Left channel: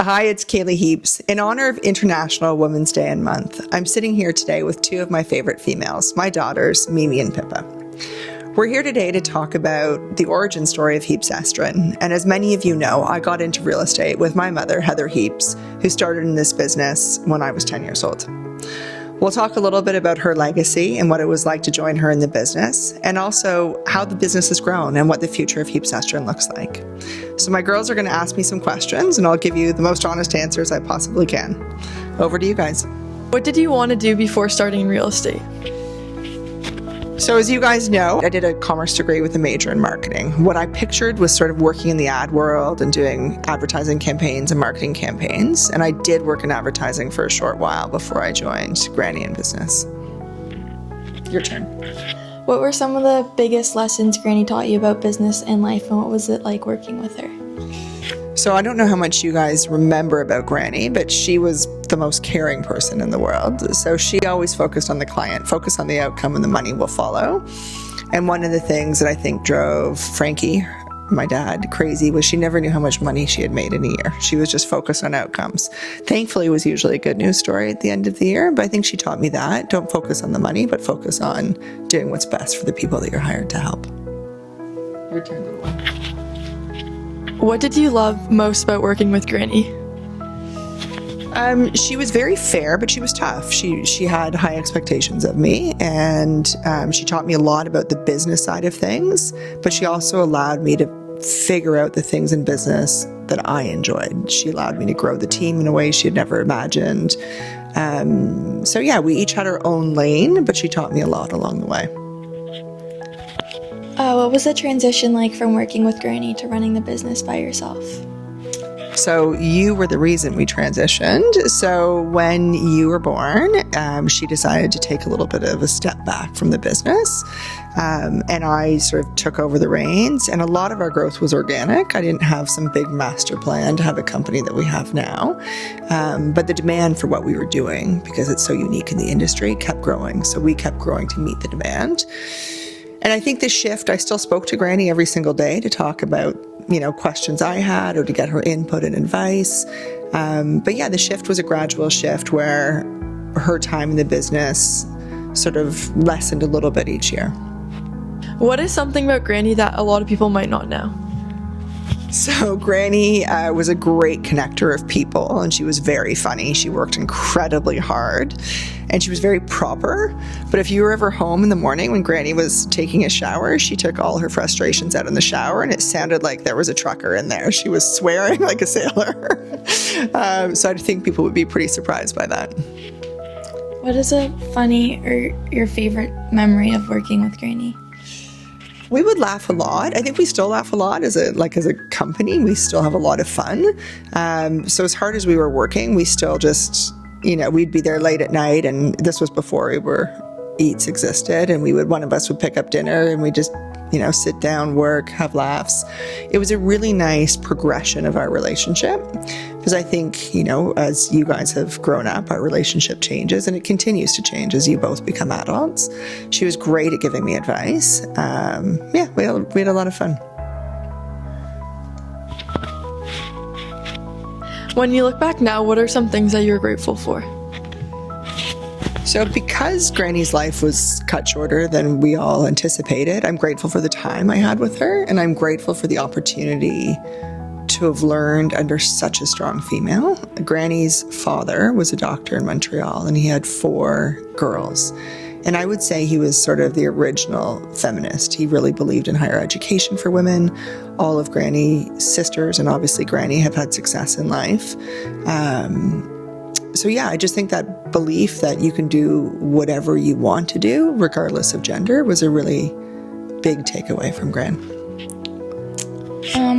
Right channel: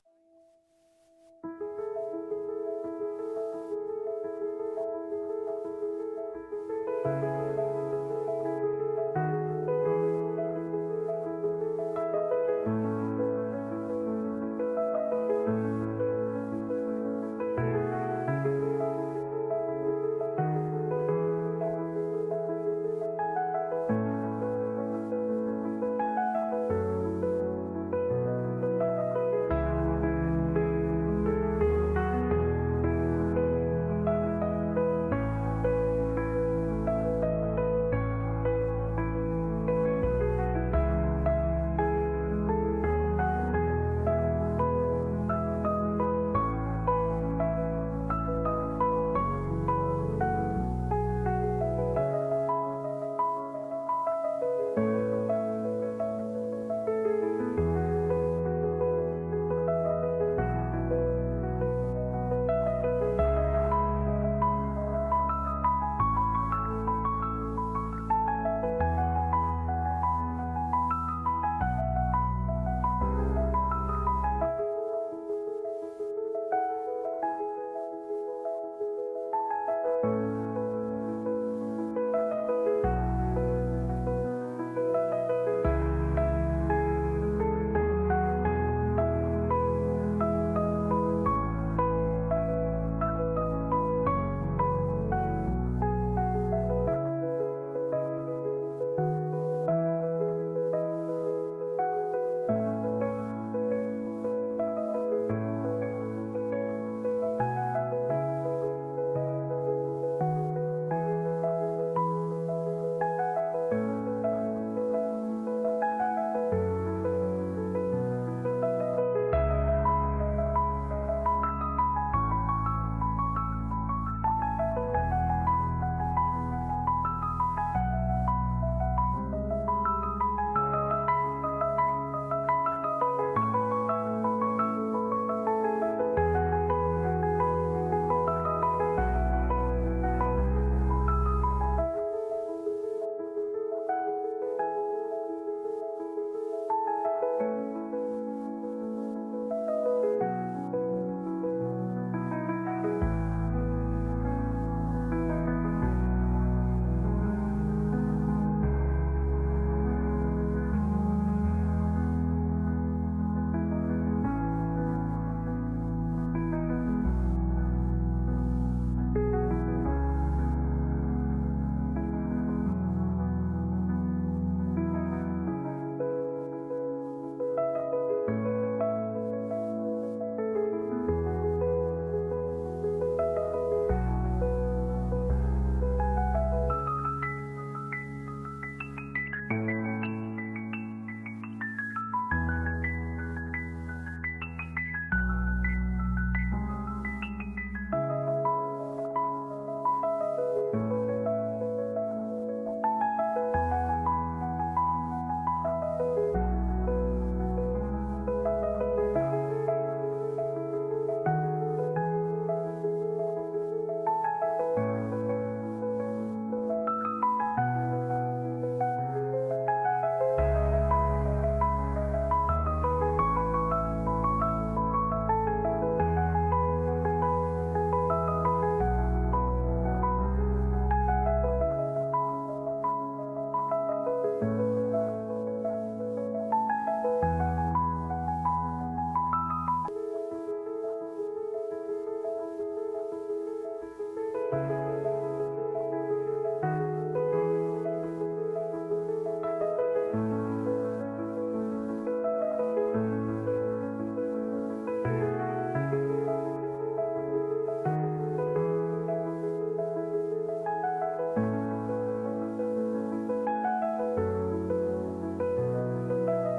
Hi, it's Cailey Heaps. In honor of International Women's Day and Month, I'm sitting here today with two of my favorite females, my daughters, Mimi and Pippa. We're here today to talk about the origin story of Heaps Estrin. And as many of you know, I got into real estate with my mother, Heather Heaps, who started in this business when I was 10 years old. We'll talk a little bit about her legacy and what it was like to join her in the business, and also how the business has grown and what the future of Heaps Estrin looks like. So my girls are going to ask me some questions, and I'll give you the most honest answers I possibly can. Over to you guys. What did you want to do before starting real estate? So as you guys know, I did a commerce degree with a major in marketing. What I pictured was sort of working in the ad world and doing advertising campaigns and marketing campaigns. And I did work in advertising for a short while before I joined Granny in business. Your turn. What were some of the biggest lessons Granny taught you about business and life, and what was it like working with her? So I don't know how much you guys remember about Granny, but she was the most caring person in the world. So she always focused on the client, focused on the outcome, and the money will follow. And one of the things that I think drove Frankie, my dad, crazy was she never knew how much money she had made in a year. She was just focused on outcomes. Thankfully, it was usually a good news story at the end of the year, but I think she taught me that. Don't focus on the money, but focus on doing what's best for the people that you're hired to help. Your turn. What did you love most about working with Granny? She was very fair, but she was tough. She had high expectations of me, and she taught me a lot about the business side of things, but she also allowed me to figure out the things in business that I enjoyed. She allowed me to grow the team in a way she had never imagined. So yeah, we each had our own lane, but she taught me a lot along the way. What was the transition like from working with Granny to running the business by yourself? So you were the reason we transitioned. So when you were born, she decided to take a little bit of a step back from the business. And I sort of took over the reins, and a lot of our growth was organic. I didn't have some big master plan to have a company that we have now. But the demand for what we were doing, because it's so unique in the industry, kept growing. So we kept growing to meet the demand. And I think the shift, I still spoke to Granny every single day to talk about, questions I had or to get her input and advice. But yeah, the shift was a gradual shift where her time in the business sort of lessened a little bit each year. What is something about Granny that a lot of people might not know? So Granny was a great connector of people, and she was very funny. She worked incredibly hard, and she was very proper. But if you were ever home in the morning when Granny was taking a shower, she took all her frustrations out in the shower, and it sounded like there was a trucker in there. She was swearing like a sailor. So I think people would be pretty surprised by that. What is a funny or your favorite memory of working with Granny? We would laugh a lot. I think we still laugh a lot as a company. We still have a lot of fun. So as hard as we were working, we still just, we'd be there late at night, and this was before Eats existed, and one of us would pick up dinner, and we just, sit down, work, have laughs. It was a really nice progression of our relationship, because I think, as you guys have grown up, our relationship changes, and it continues to change as you both become adults. She was great at giving me advice. We had a lot of fun. When you look back now, what are some things that you're grateful for? So because Granny's life was cut shorter than we all anticipated, I'm grateful for the time I had with her, and I'm grateful for the opportunity to have learned under such a strong female. Granny's father was a doctor in Montreal, and he had 4 girls. And I would say he was sort of the original feminist. He really believed in higher education for women. All of Granny's sisters, and obviously Granny, have had success in life. So yeah, I just think that belief that you can do whatever you want to do, regardless of gender, was a really big takeaway from Gran.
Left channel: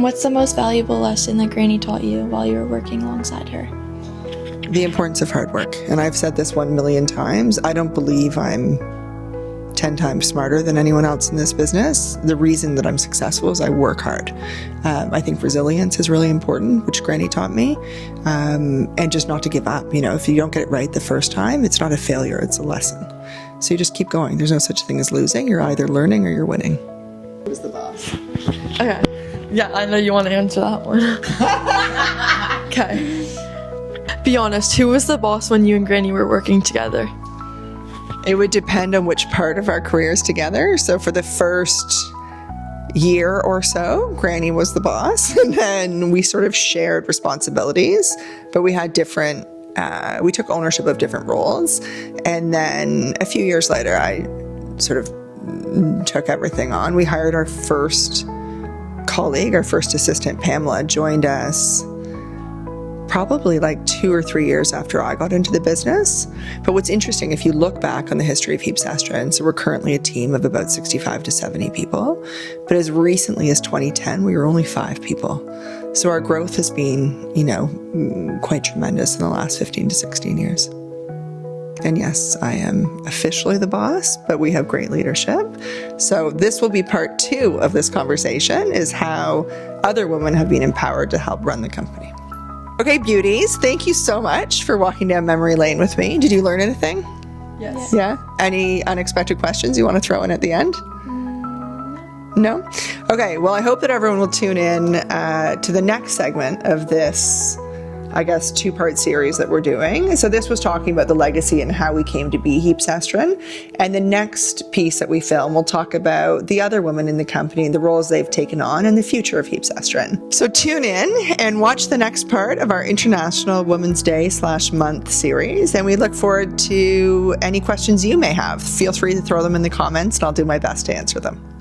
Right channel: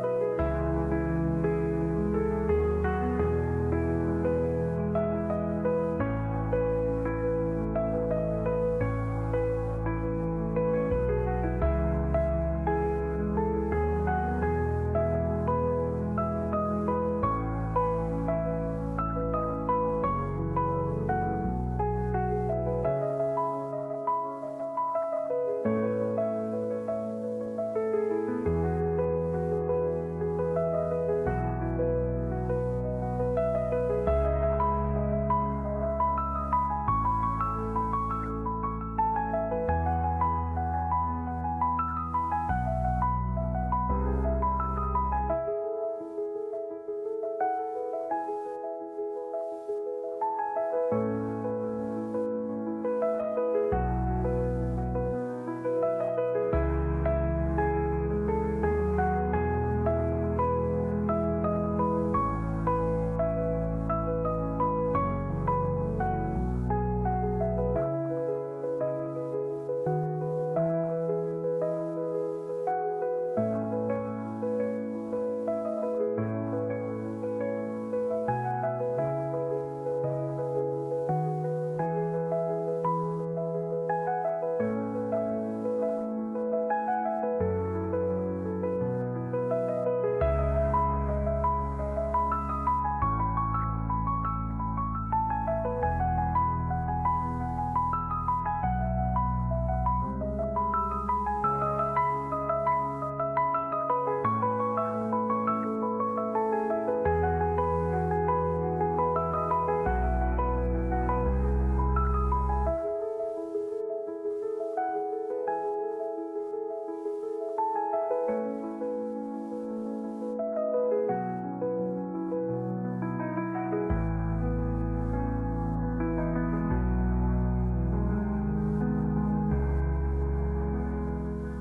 What's the most valuable lesson that Granny taught you while you were working alongside her? The importance of hard work. And I've said this 1 million times. I don't believe I'm 10 times smarter than anyone else in this business. The reason that I'm successful is I work hard. I think resilience is really important, which Granny taught me, and just not to give up. If you don't get it right the first time, it's not a failure, it's a lesson. So you just keep going. There's no such thing as losing. You're either learning or you're winning. Who's the boss? Okay. Yeah, I know you want to answer that one. Okay. Okay. Be honest, who was the boss when you and Granny were working together? It would depend on which part of our careers together. So for the first year or so, Granny was the boss, and then we sort of shared responsibilities, but we had different, we took ownership of different roles. And then a few years later, I sort of took everything on. We hired our first colleague, our first assistant, Pamela, joined us probably like 2 or 3 years after I got into the business. But what's interesting, if you look back on the history of Heaps Estrin, so we're currently a team of about 65 to 70 people. But as recently as 2010, we were only 5 people. So our growth has been, you know, quite tremendous in the last 15 to 16 years. And yes, I am officially the boss, but we have great leadership. So this will be part 2 of this conversation, is how other women have been empowered to help run the company. Okay, beauties, thank you so much for walking down memory lane with me. Did you learn anything? Yes. Yeah? Any unexpected questions you want to throw in at the end? No? Okay, well, I hope that everyone will tune in to the next segment of this, I guess, 2-part series that we're doing. So this was talking about the legacy and how we came to be Heaps Estrin. And the next piece that we film will talk about the other women in the company and the roles they've taken on and the future of Heaps Estrin. So tune in and watch the next part of our International Women's Day /month series. And we look forward to any questions you may have. Feel free to throw them in the comments and I'll do my best to answer them.